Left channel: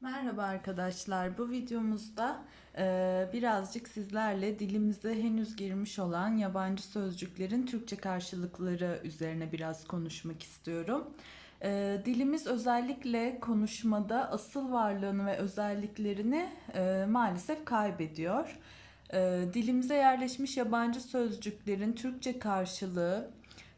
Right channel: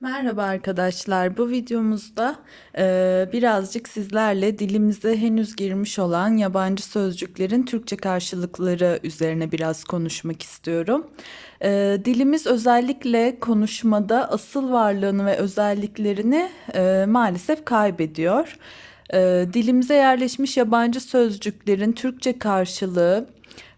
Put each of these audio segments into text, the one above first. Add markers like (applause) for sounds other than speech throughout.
Merhaba arkadaşlar. Bu videomuzda eee, birazcık sizlerle dilimize henüz girmiş olan yabancı sözcüklerin Türkçe karşılıkları üzerine biraz konuşmak istiyorum. Eee, dilimiz özellikle konuşmada asıl varlığını ve özelliklerini eee, maalesef kaybediyor. Eee, dilimize yerleşmiş yabancı sözcüklerin Türkçe karşılığı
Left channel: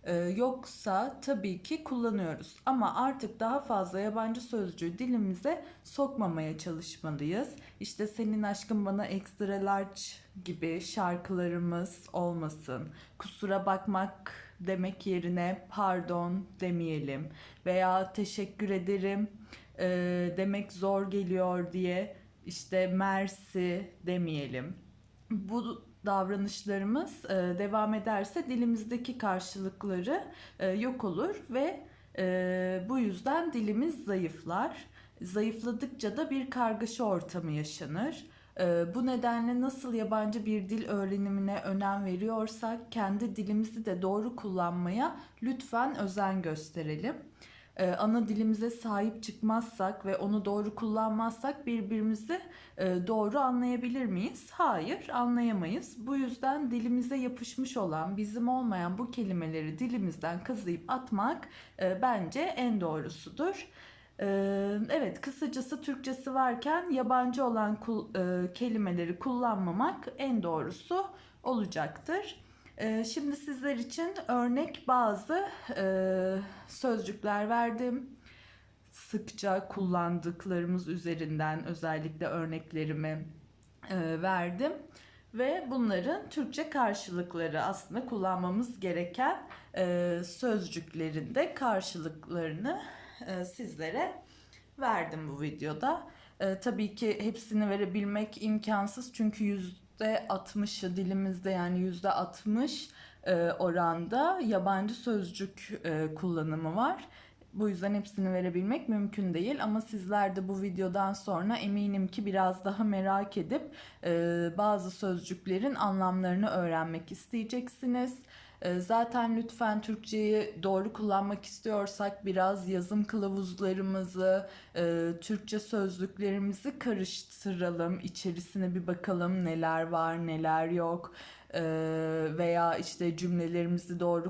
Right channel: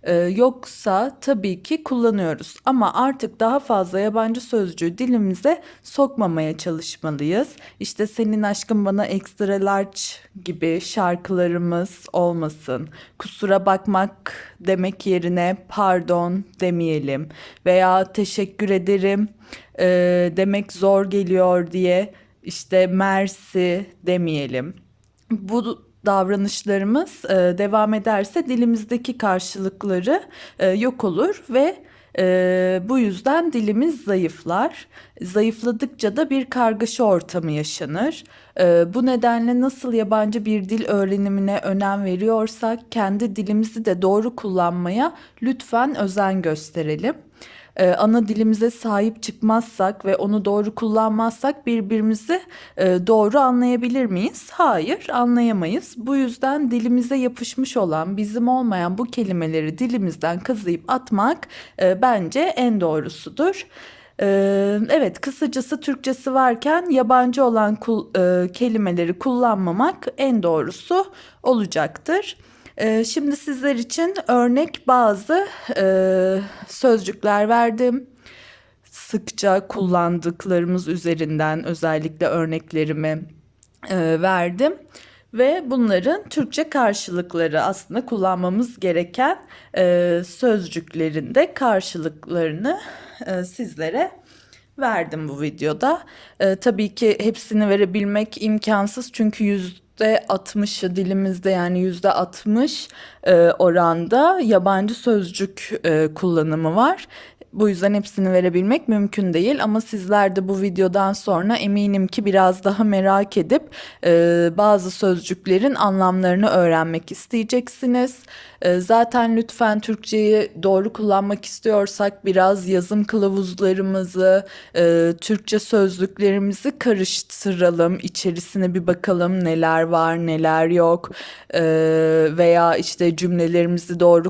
ee, yoksa tabii ki kullanıyoruz ama artık daha fazla yabancı sözcüğü dilimize sokmamaya çalışmalıyız. İşte senin aşkın bana extra large gibi şarkılarımız olmasın. Kusura bakmak demek yerine pardon demeyelim veya teşekkür ederim e, demek zor geliyor diye işte mersi demeyelim. Bu davranışlarımız e, devam ederse dilimizdeki karşılıkları e, yok olur ve e, bu yüzden dilimiz zayıflar. Zayıfladıkça da bir kargaşa ortamı yaşanır. E, bu nedenle nasıl yabancı bir dil öğrenimine önem veriyorsak kendi dilimizi de doğru kullanmaya lütfen özen gösterelim e, ana dilimize sahip çıkmazsak ve onu doğru kullanmazsak birbirimizi e, doğru anlayabilir miyiz? Hayır, anlayamayız. Bu yüzden dilimize yapışmış olan, bizim olmayan bu kelimeleri dilimizden kazıyıp atmak e, bence en doğrusudur. Ee, evet, kısacası Türkçesi varken yabancı olan kul, e, kelimeleri kullanmamak en doğrusu olacaktır. Ee, şimdi sizler için örnek bazı e, sözcükler verdim. Sıkça kullandıklarımız üzerinden özellikle örneklerimi e, verdim. Ve bunların Türkçe karşılıkları aslında kullanmamız gereken e, sözcüklerin de karşılıklarını sizlere verdim bu videoda. E, tabii ki hepsini verebilmek imkansız çünkü yüzde %60'ı dilimizde yani yüzde 60 e, oranda yabancı sözcük e, kullanımı var. Bu yüzden hepsini verebilmek mümkün değil ama sizler de bu videodan sonra eminim ki biraz daha merak edip e, bazı sözcüklerin anlamlarını öğrenmek isteyeceksiniz. E, zaten lütfen Türkçeyi doğru kullanmak istiyorsak biraz yazım kılavuzlarımızı, e, Türkçe sözlüklerimizi karıştıralım, içerisine bir bakalım neler var, neler yok e, veya işte cümlelerimizi doğru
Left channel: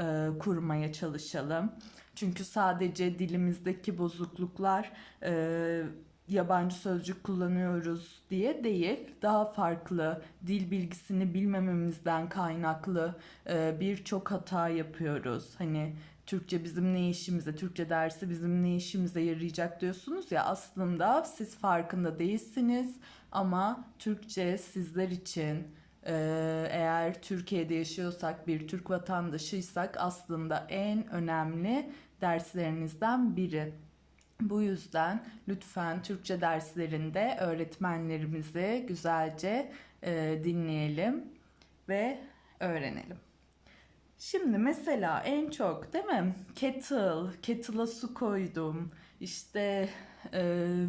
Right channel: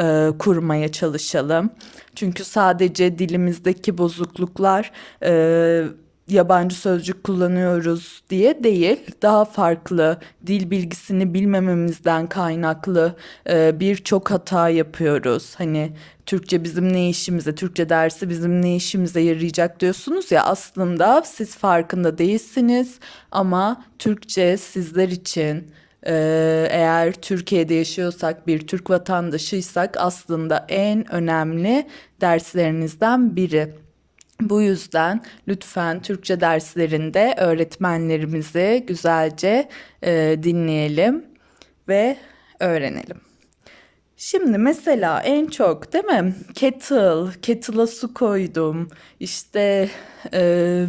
e, kurmaya çalışalım. Çünkü sadece dilimizdeki bozukluklar e, yabancı sözcük kullanıyoruz diye değil, daha farklı dil bilgisini bilmememizden kaynaklı e, birçok hata yapıyoruz. Hani Türkçe bizim ne işimize, Türkçe dersi bizim ne işimize yarayacak diyorsunuz ya aslında siz farkında değilsiniz ama Türkçe sizler için ee, eğer Türkiye'de yaşıyorsak, bir Türk vatandaşıysak aslında en önemli derslerinizden biri. Bu yüzden lütfen Türkçe derslerinde öğretmenlerimizi güzelce e, dinleyelim ve öğrenelim. Şimdi mesela en çok değil mi? Kettle, kettle'a su koydum. İşte e,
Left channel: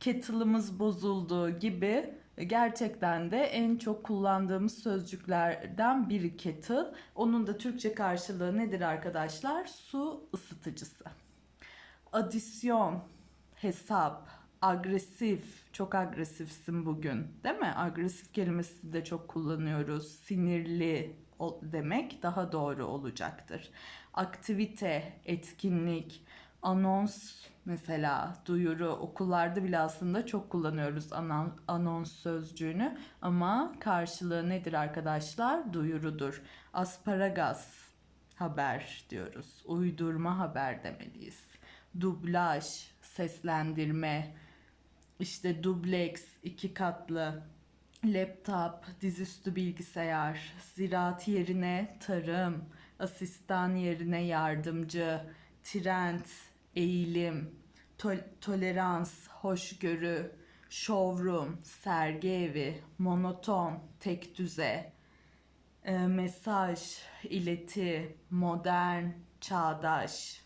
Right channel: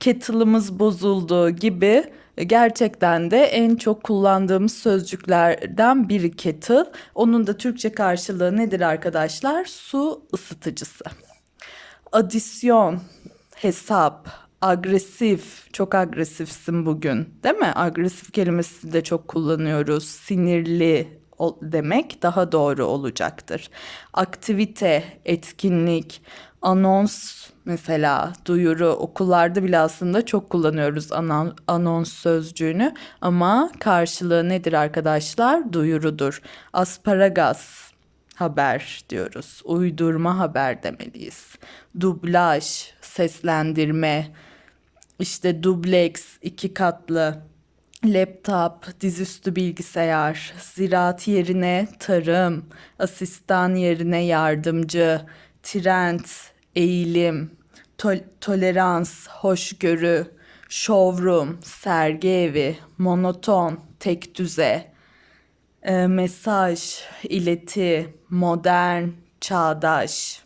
kettle'ımız bozuldu gibi gerçekten de en çok kullandığımız sözcüklerden biri kettle. Onun da Türkçe karşılığı nedir arkadaşlar? Su ısıtıcısı. Adisyon, hesap, agresif, çok agresifsin bugün, değil mi? Agresif kelimesi de çok kullanıyoruz. Sinirli demek daha doğru olacaktır. Aktivite, etkinlik, anons mesela duyuru okullarda bile aslında çok kullanıyoruz anons sözcüğünü ama karşılığı nedir arkadaşlar? Duyurudur. Asparagas haber diyoruz. Uydurma haber demeliyiz. Dublaj, seslendirme, işte dubleks, iki katlı, laptop, dizüstü bilgisayar, ziraat yerine tarım, asistan yerine yardımcı, trend, eğilim, tol tolerans, hoşgörü, showroom, sergi evi, monoton, tek düze, e, mesaj, ileti, modern, çağdaş.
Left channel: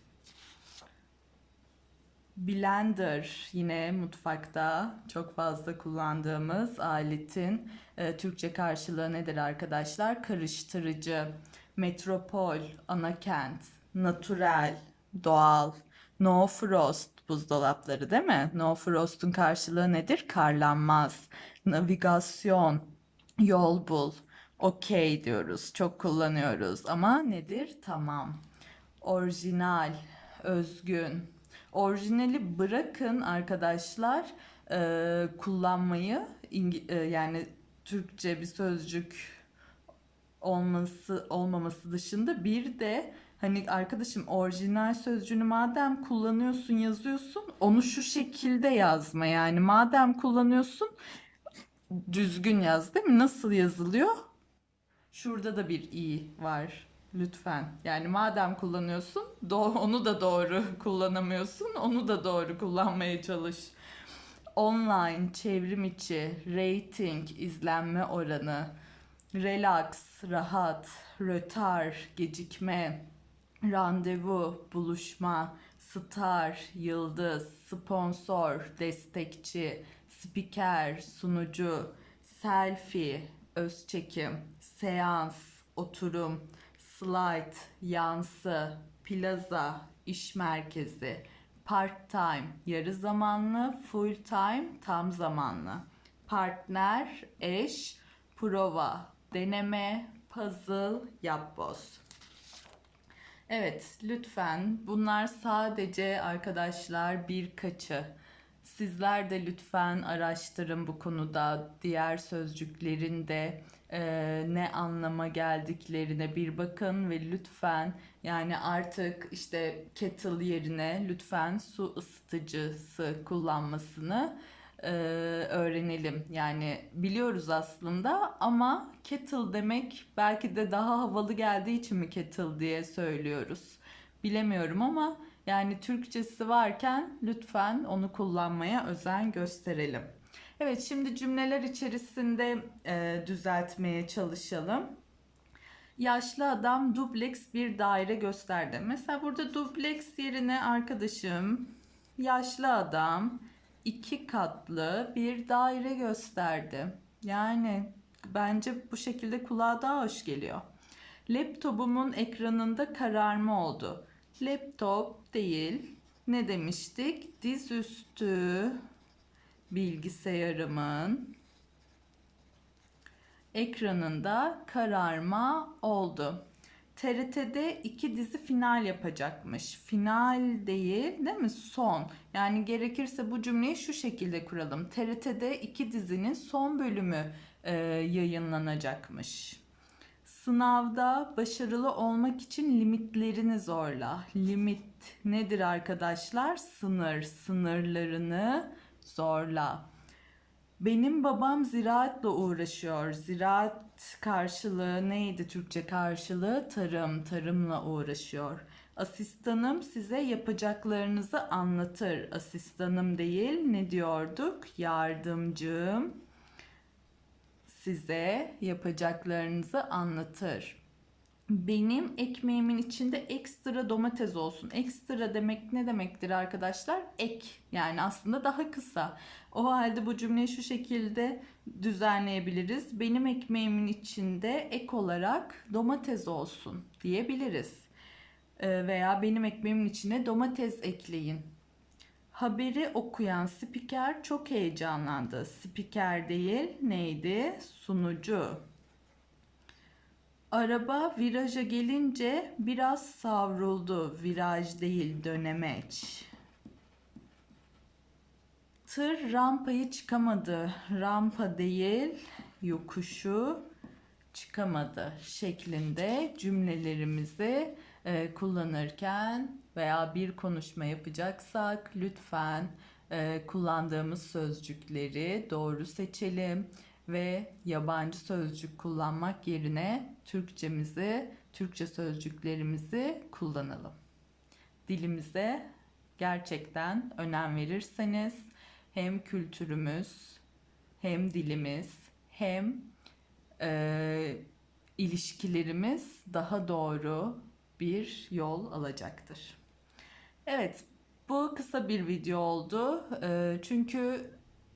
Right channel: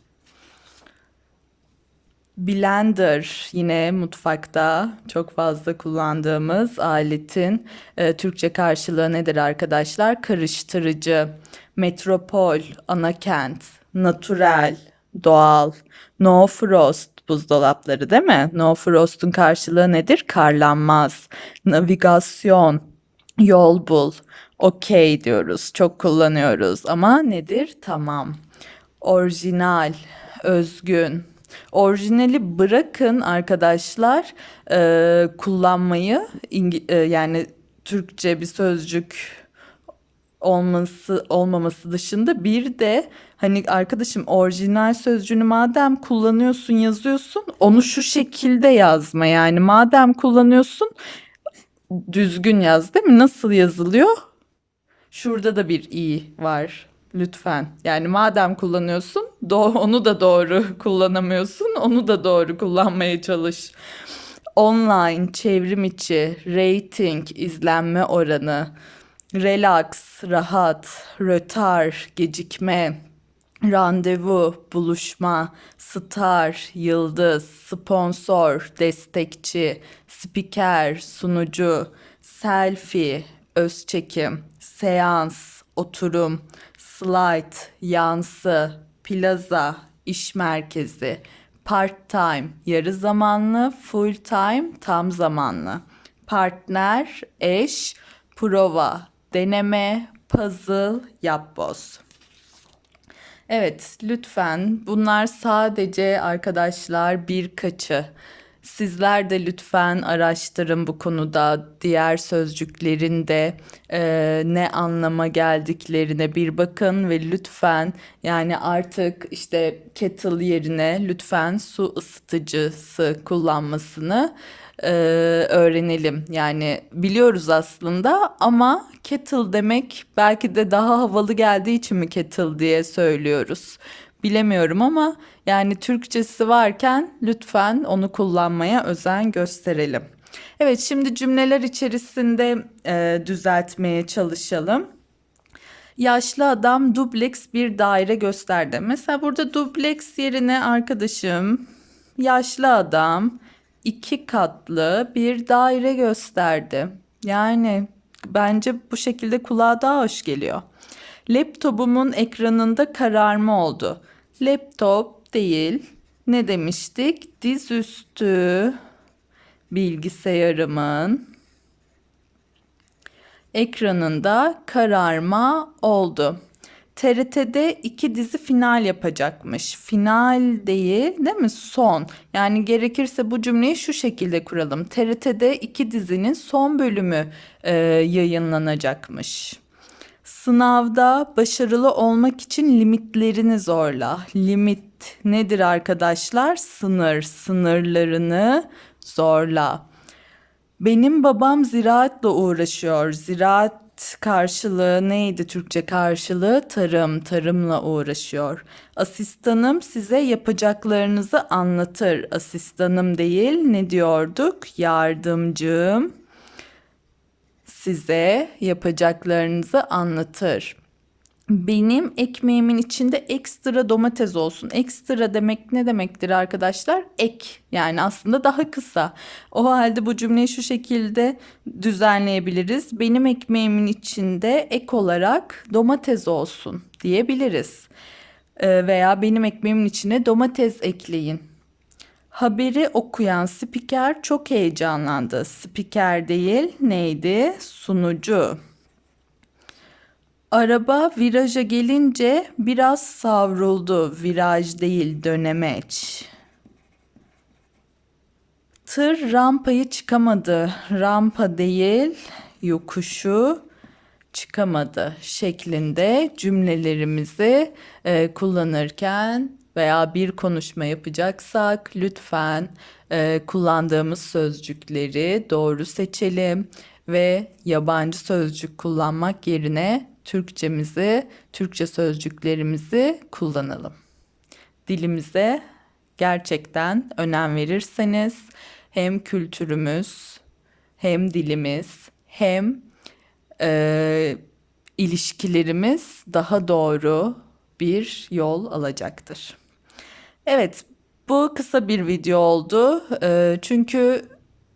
Blender yine mutfakta çok fazla kullandığımız aletin e, Türkçe karşılığı nedir arkadaşlar? Karıştırıcı, metropol, ana kent, natural, doğal, no frost, buzdolapları değil mi? No frost'un karşılığı nedir? Karlanmaz. Navigasyon, yol bul. Okey diyoruz. Çok kullanıyoruz ama nedir? Tamam. Orijinal, özgün. Orijinali bırakın arkadaşlar e, kullanmayı İngi- e, yani Türkçe bir sözcük olması olmaması dışında bir de hani arkadaşım orijinal sözcüğünü madem kullanıyorsun yazıyorsun onu şu şekilde yazma yani madem kullanıyorsun düzgün yaz değil mi? Nasıl yazılıyor? Şurada da bir i var. Lütfen. Yani madem kullanıyorsun, do- onu da doğru (laughs) kullanamıyorsun, onu da doğru kullanmaya çalış. Online, çevrim içi, rating, izlenme oranı, relax, rahat, rötar, gecikme, randevu, buluşma, star, yıldız, sponsor, destekçi, spiker, sunucu, selfie, öz çekim, seans, oturum, slide, yansı, plaza, iş merkezi, part time, yarı zamanlı, full time, tam zamanlı, partner, eş, prova, deneme, puzzle, yapboz. Evet, lütfen bunlar sadece arkadaşlar birkaçı. Sizler de lütfen araştırın bu konuda diğer sözcüklerin de e, ne anlama geldiklerine bir bakın ve lütfen yani artık işte kettle yerine lütfen su ısıtıcısı kullanmasını e, öğrenelim. Yani biliyoruz aslında ama kettle demek belki de daha havalı geldiği için mi kettle diye söylüyoruz. Bilemiyorum ama yani Türkçesi varken lütfen onu kullanmaya özen gösterelim. Evet şimdi cümleler içerisinde e, düzeltmeye çalışalım. Yaşlı adam dubleks bir daire gösterdi. Mesela burada dubleks yerine arkadaşım yaşlı adam iki katlı bir daire gösterdi. Yani bence bu şekilde kulağa daha hoş geliyor. Laptopumun ekranında kararma oldu. Laptop değil. Ne demiştik? Dizüstü bilgisayarımın ekranında kararma oldu. TRT'de iki dizi final yapacakmış. Final değil, değil mi? Son. Yani gerekirse bu cümleyi şu şekilde kuralım. TRT'de iki dizinin son bölümü e, yayınlanacakmış. Sınavda başarılı olmak için limitlerini zorla. Limit nedir arkadaşlar? Sınır, sınırlarını zorla. Benim babam ziraatle uğraşıyor. Ziraat karşılığı neydi Türkçe karşılığı? Tarım, tarımla uğraşıyor. Asistanım size yapacaklarınızı anlatır. Asistanım değil, ne diyorduk? Yardımcım size yapacaklarınızı anlatır. Benim ekmeğimin içinde ekstra domates olsun. Ekstra demek ne demektir arkadaşlar? Ek. Yani aslında daha kısa. O halde bu cümleyi şu şekilde düzenleyebiliriz. Benim ekmeğimin içinde ek olarak domates olsun diyebiliriz. Ee, veya benim ekmeğimin içine domates ekleyin. Haberi okuyan spiker çok heyecanlandı. Spiker değil neydi? Sunucu. Araba viraja gelince biraz savruldu. Viraj değil dönemeç. Tır rampayı çıkamadı. Rampa değil yokuşu çıkamadı şeklinde cümlelerimizi e, kullanırken veya bir konuşma yapacaksak lütfen e, kullandığımız sözcükleri doğru seçelim ve yabancı sözcük kullanmak yerine Türkçemizi, Türkçe sözcüklerimizi kullanalım. Dilimize gerçekten önem verirseniz hem kültürümüz, hem dilimiz, hem e, ilişkilerimiz daha doğru bir yol alacaktır. Evet, bu kısa bir video oldu. E, çünkü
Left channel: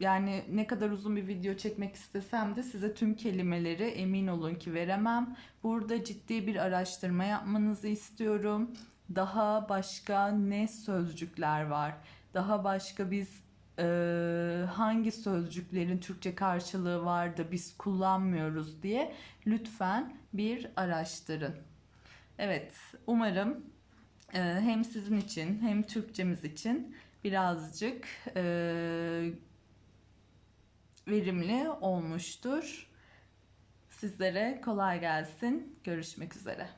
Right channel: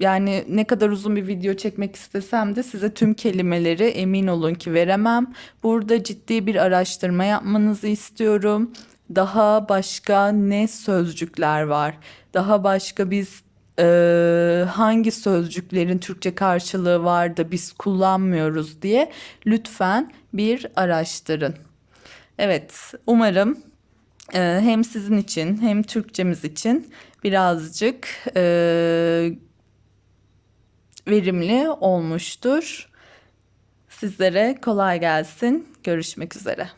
yani ne kadar uzun bir video çekmek istesem de size tüm kelimeleri emin olun ki veremem. Burada ciddi bir araştırma yapmanızı istiyorum. Daha başka ne sözcükler var? daha başka biz e, hangi sözcüklerin Türkçe karşılığı var da biz kullanmıyoruz diye lütfen bir araştırın. Evet, umarım hem sizin için hem Türkçemiz için birazcık e, verimli olmuştur. Sizlere kolay gelsin. Görüşmek üzere.